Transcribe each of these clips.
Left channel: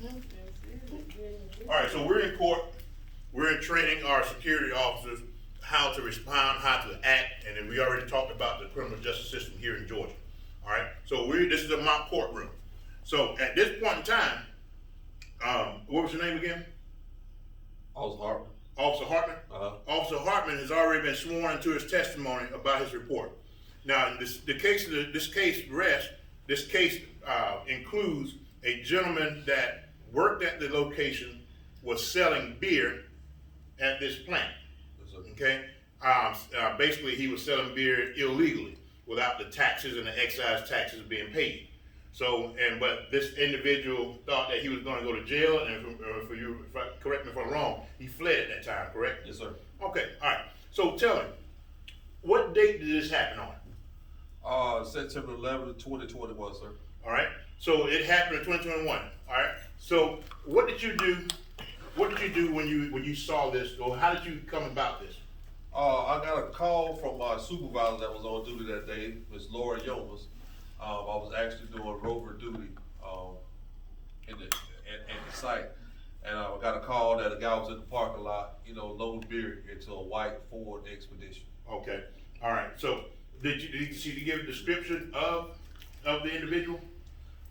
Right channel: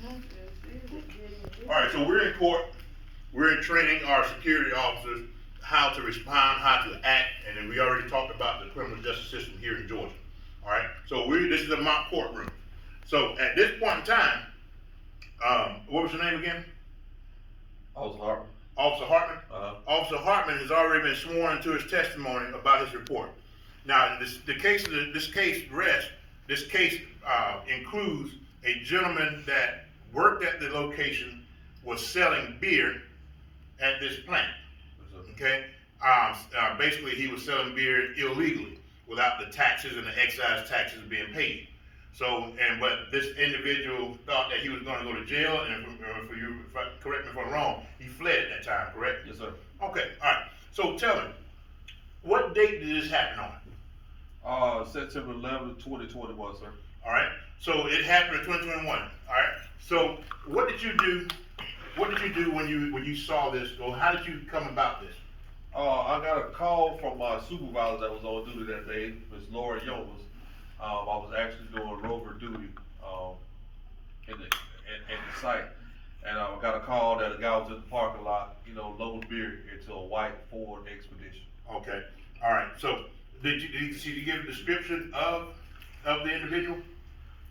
All right, so we're in court. We're training our security officers how to respond, how to act, and then we already talked about the criminal justice system here in Georgia. All right, so this is a mock courtroom. So at this point in time, what was your name again? Officer Hartman. Officer Hartman? Officer Hartman has already been sworn into his testimony about his report. Now, this case includes a gentleman that worked at the location, was selling beer at this plant. Okay? Basically, he was selling beer illegally without the taxes and the excise taxes being paid. So, but this individual thought that he was going to go to jail, and correct me if I'm wrong, he fled at that time, correct? Yes, sir. Okay, all right. So tell me, what date did this happen on? September 11th, 2021, sir. All right. So it happened in 2021. All right. So what did you do? What did you do when you saw this, or how did you come about this? I got a call from my supervisor that was on duty that day, Ms. Laura Yomas. I was actually doing rover duty in the site, and I got a call that a guy was in the parking lot, loading beer into a white Ford Expedition. Okay. All right. So did you give a description of the individual?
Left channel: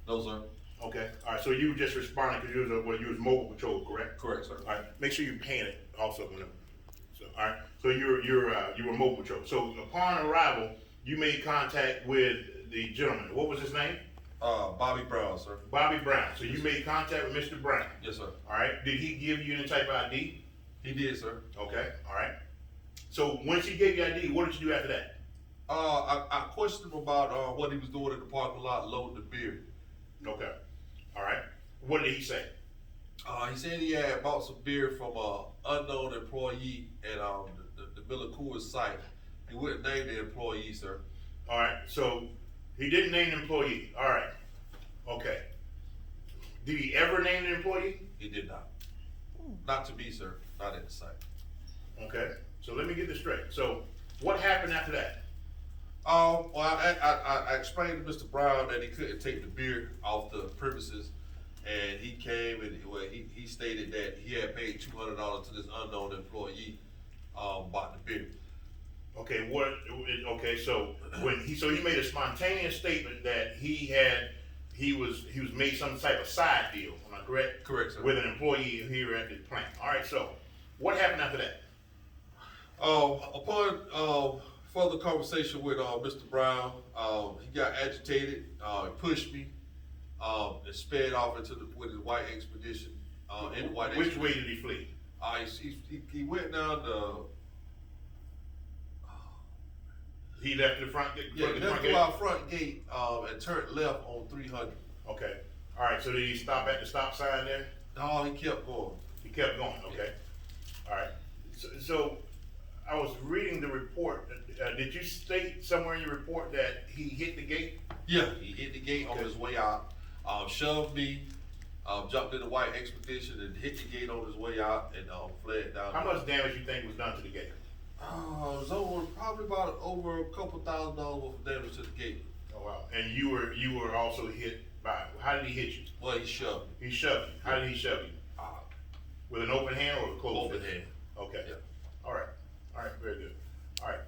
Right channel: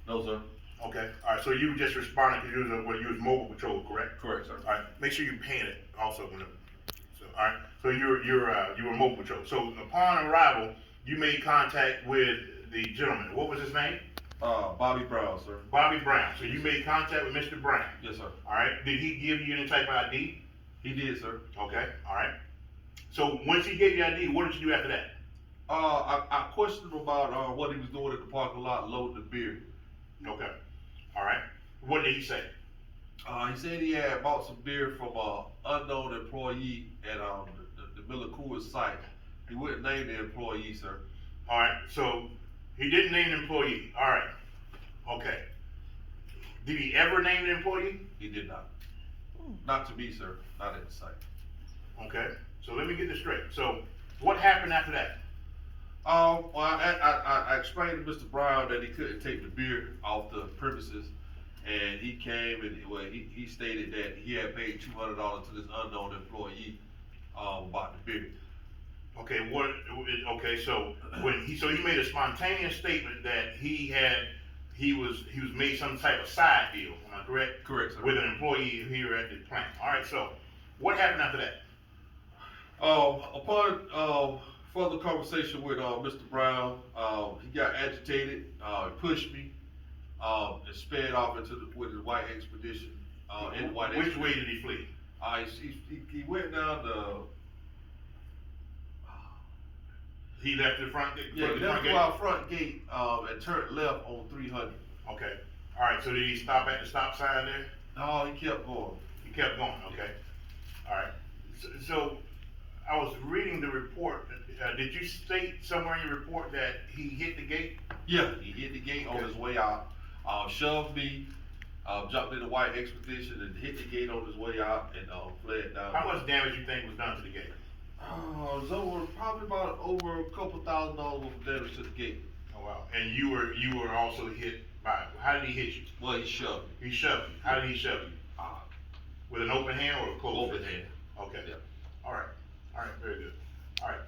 No, sir. Okay. All right. So you just responded because you was mobile patrol, correct? Correct, sir. All right. Make sure you paint it also. So all right. So you were mobile patrol. So upon arrival, you made contact with the gentleman. What was his name? Bobby Brown, sir. Bobby Brown. So you made contact with Mr. Brown. Yes, sir. All right. Did he give you any type of ID? He did, sir. Okay. All right. So once he gave you ID, what did you do after that? I questioned him about what he was doing at the parking lot loading the beer. Okay. All right. What did he say? He said he had bought some beer from an unknown employee at the Miller Coors site. He wouldn't name the employee, sir. All right. So he didn't name the employee. All right. Okay. Did he ever name the employee? He did not. Not to me, sir. Not at the site. Okay. So let me get this straight. So what happened after that? Well, I explained to Mr. Brown that he couldn't take the beer off the premises, and he came and he stated that he had paid $200 to this unknown employee about the beer. Okay. Okay. So he made a spontaneous statement that he was made some type of side deal. Am I correct? Correct, sir. With an employee here at the plant. All right. So what happened after that? Upon further conversation with Mr. Brown, he got agitated, pushed me, and sped off with his white expedition. Which way did he flee? He went down the. He left the front gate. Yeah, he left through our front gate and turned left on 300. Okay. All right. So did he stop at the stop sign there? No, he kept going. He kept going. Okay. All right. So I was reading the report. Did you state somewhere in your report that he hit the gate? Yeah, he hit the gate on his way out, shoved me, jumped in the white expedition and hit the gate on his way out and fled down. How much damage you think was done to the gate? It was probably about over a couple $1,000 worth of damage to the gate. Oh wow! And you were also hit by. How did he hit you? Well, he shoved me. He shoved you. How did he shove you? With an open hand or a closed Open hand. Okay. Yeah. All right. All right. Very good. All right.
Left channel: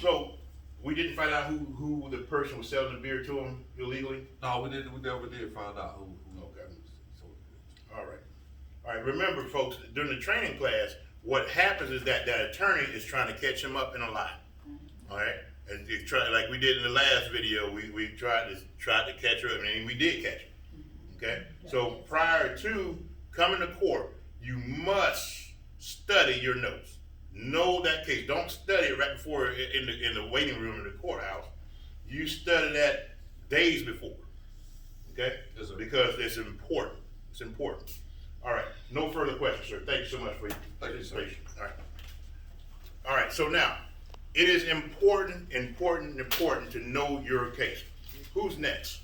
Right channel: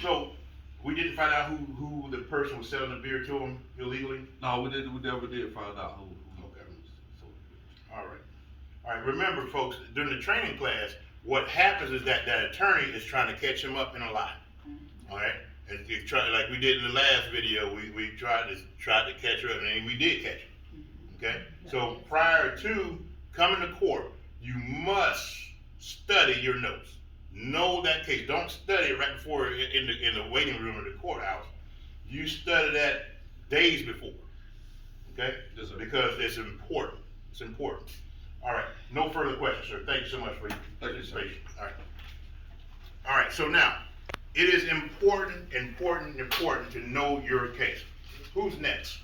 So we didn't find out who the person was selling the beer to him illegally. No, we never did find out who. Okay. All right. All right. Remember, folks, during the training class, what happens is that attorney is trying to catch him up in a lie. All right. And you try, like we did in the last video, we tried to catch her, and we did catch her. Okay. So prior to coming to court, you must study your notes. Know that case. Don't study it right before in the waiting room of the courthouse. You study that days before. Okay? Yes, sir. Because it's important. It's important. All right. No further questions, sir. Thank you so much for your participation. All right. All right. So now, it is important to know your case. Who's next?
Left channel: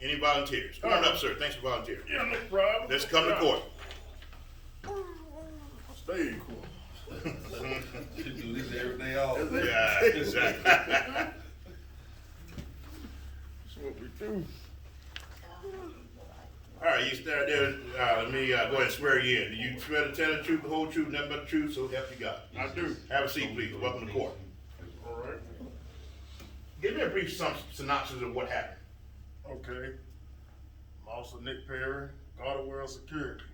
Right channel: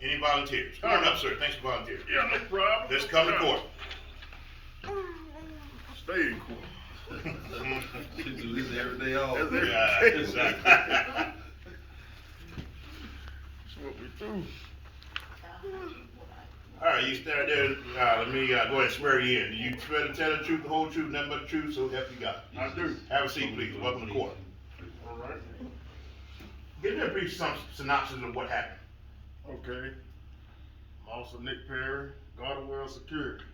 Any volunteers? Come on up, sir. Thanks for volunteering. Yeah, no problem. Let's come to court. Stay in court. You do this every day off. Yeah, exactly. That's what we do. All right, you stand there, let me, go ahead and swear you in. Do you swear to tell the truth, the whole truth, nothing but the truth, so help you God? I do. Have a seat, please. Welcome to court. All right. Give me a brief synopsis of what happened. Okay. I'm Officer Nick Perry, Guard of World Security.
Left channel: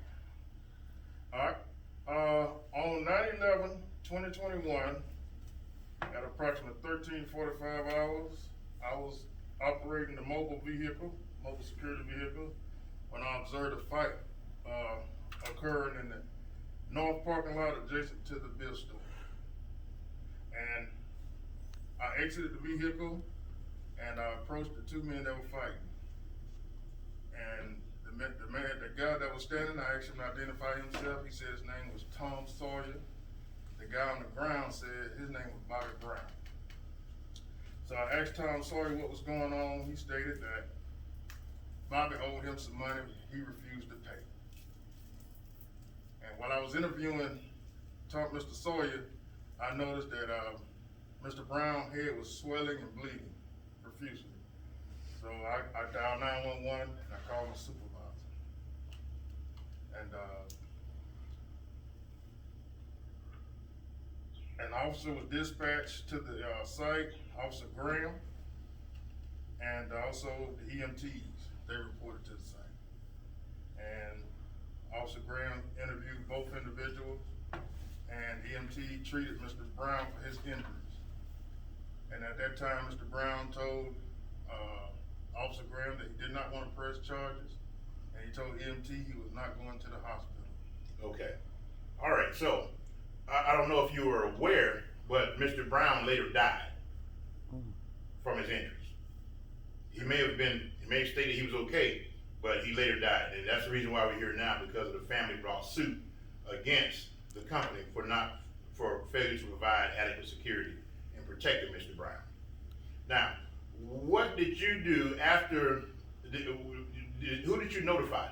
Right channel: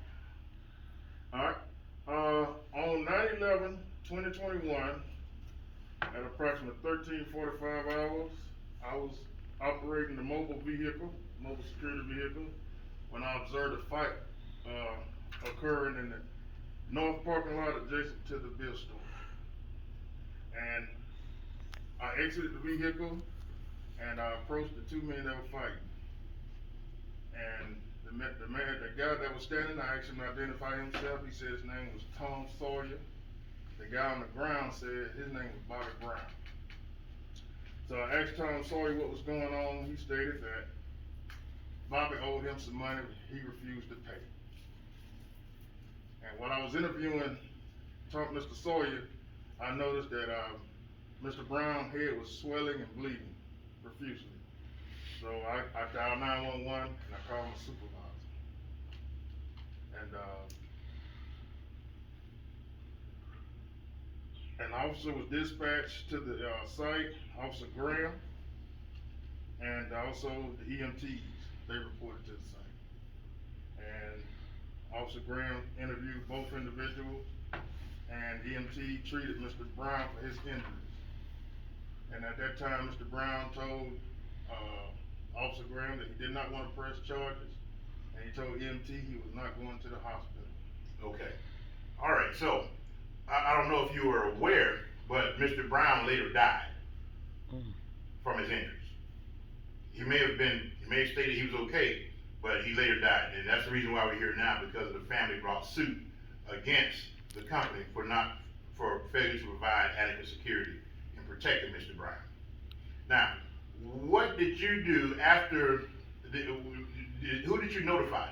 All right. On 9/11/2021, at approximately 13:45 hours, I was operating the mobile security vehicle, when I observed a fight occurring in the north parking lot adjacent to the Bill store. And I exited the vehicle and I approached the two men that were fighting. And the guy that was standing, I asked him to identify himself. He said his name was Tom Sawyer. The guy on the ground said his name was Bobby Brown. So I asked Tom Sawyer what was going on. He stated that Bobby owed him some money he refused to pay. And while I was interviewing Mr. Sawyer, I noticed that Mr. Brown's head was swelling and bleeding profusely. So I dialed 911 and I called my supervisor. And an officer was dispatched to the site, Officer Graham, and also the EMTs. They reported to the site. And Officer Graham interviewed both individuals, and EMT treated Mr. Brown for his injuries. And at that time, Mr. Brown told Officer Graham that he did not want to press charges, and he told EMT he was not going to the hospital. Okay. All right, so I don't know if you were aware, but Mr. Brown later died from his injuries. He may have stated he was okay, but he later died. And that's the reason why we're here now, because the family brought suit against the company for failure to provide adequate security in protecting Mr. Brown. Now, what did you do after, who did you notify?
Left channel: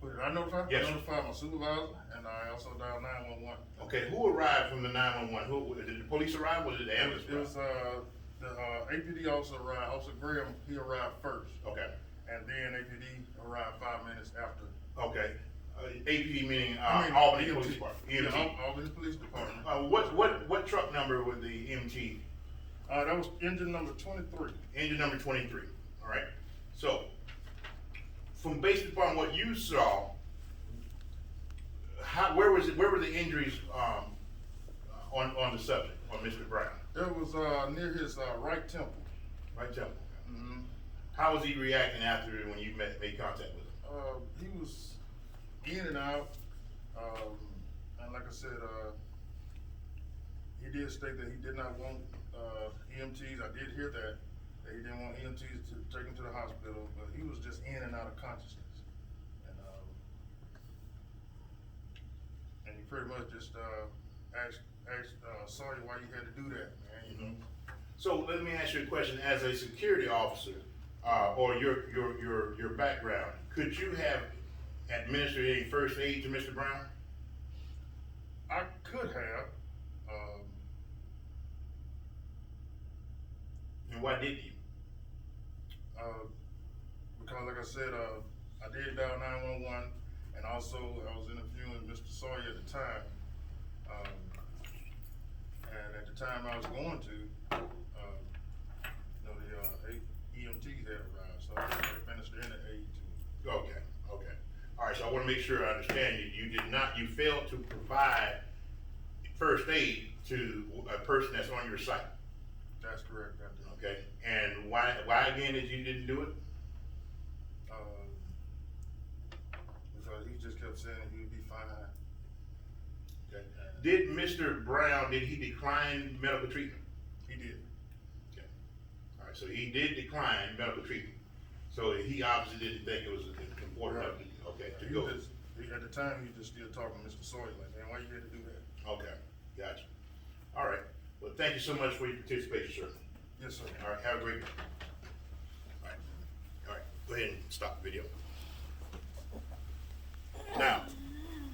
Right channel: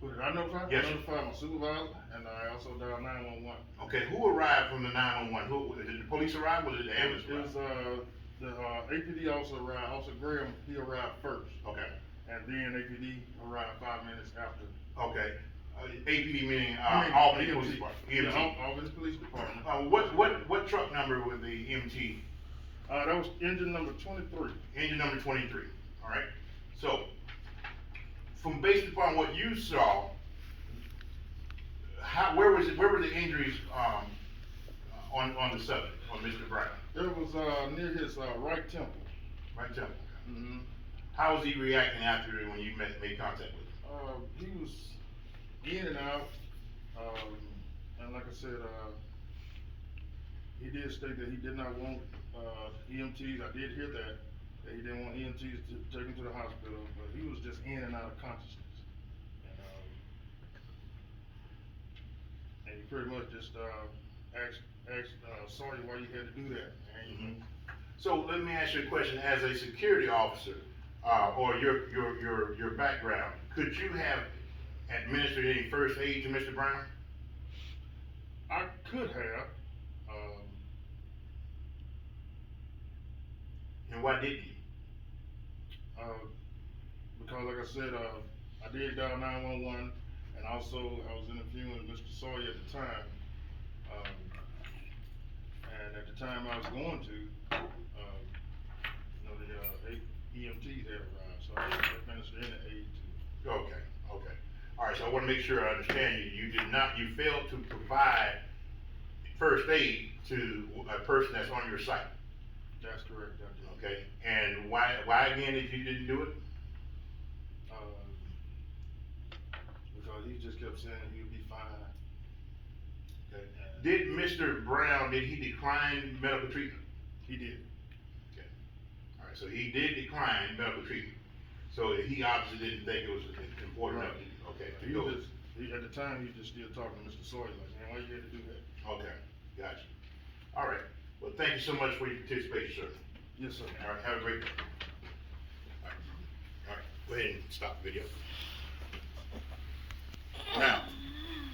Who did I notify? Yes. I notified my supervisor, and I also dialed 911. Okay, who arrived from the 911? Did the police arrive, or did the ambulance It was, arrive? the APD officer arrived, Officer Graham, he arrived first. Okay, And then APD arrived 5 minutes after. okay. APD meaning, I mean, Albany EMT. Police Department, Yeah, EMT. Albany Police Department. What truck number was the EMT? That was engine number 23. Engine number 23, all right? So, based upon what you saw, where were the injuries, on the subject, on Mr. Brown? It was, near his, right temple. Right temple. Mm-hmm. How was he reacting after when you made contact with him? He was in and out, and like I said, he did state that he did not want, EMTs, I did hear that he didn't want EMTs to take him to the hospital, but he was just in and out of consciousness. And he pretty much just, asked Sawyer why you had to do that, man, you know? So let me ask you a question, as a security officer, or your background, could you have administered any first aid to Mr. Brown? I could have, And why didn't you? because like I said, I did dial 911, and also I was interviewing Mr. Sawyer at the time. And at the time I was going to, the EMTs had arrived, so I didn't administer any aid to. Okay. All right, so I wanna make sure I understand you. You failed to provide first aid to a person that's on your site, That's correct, I did. okay? And why again did you didn't do it? Because he just kept saying he would be fine. Okay. Did Mr. Brown, did he decline medical treatment? He did. Okay. All right, so he did decline medical treatment. So he obviously didn't think it was important enough, okay, to He go. was just, at the time, he was just still talking to Mr. Sawyer, like, man, why you had to do that? Okay, gotcha. All right, well, thank you so much for your participation, sir. Yes, sir. All right, have a great day. All right, go ahead and stop the video.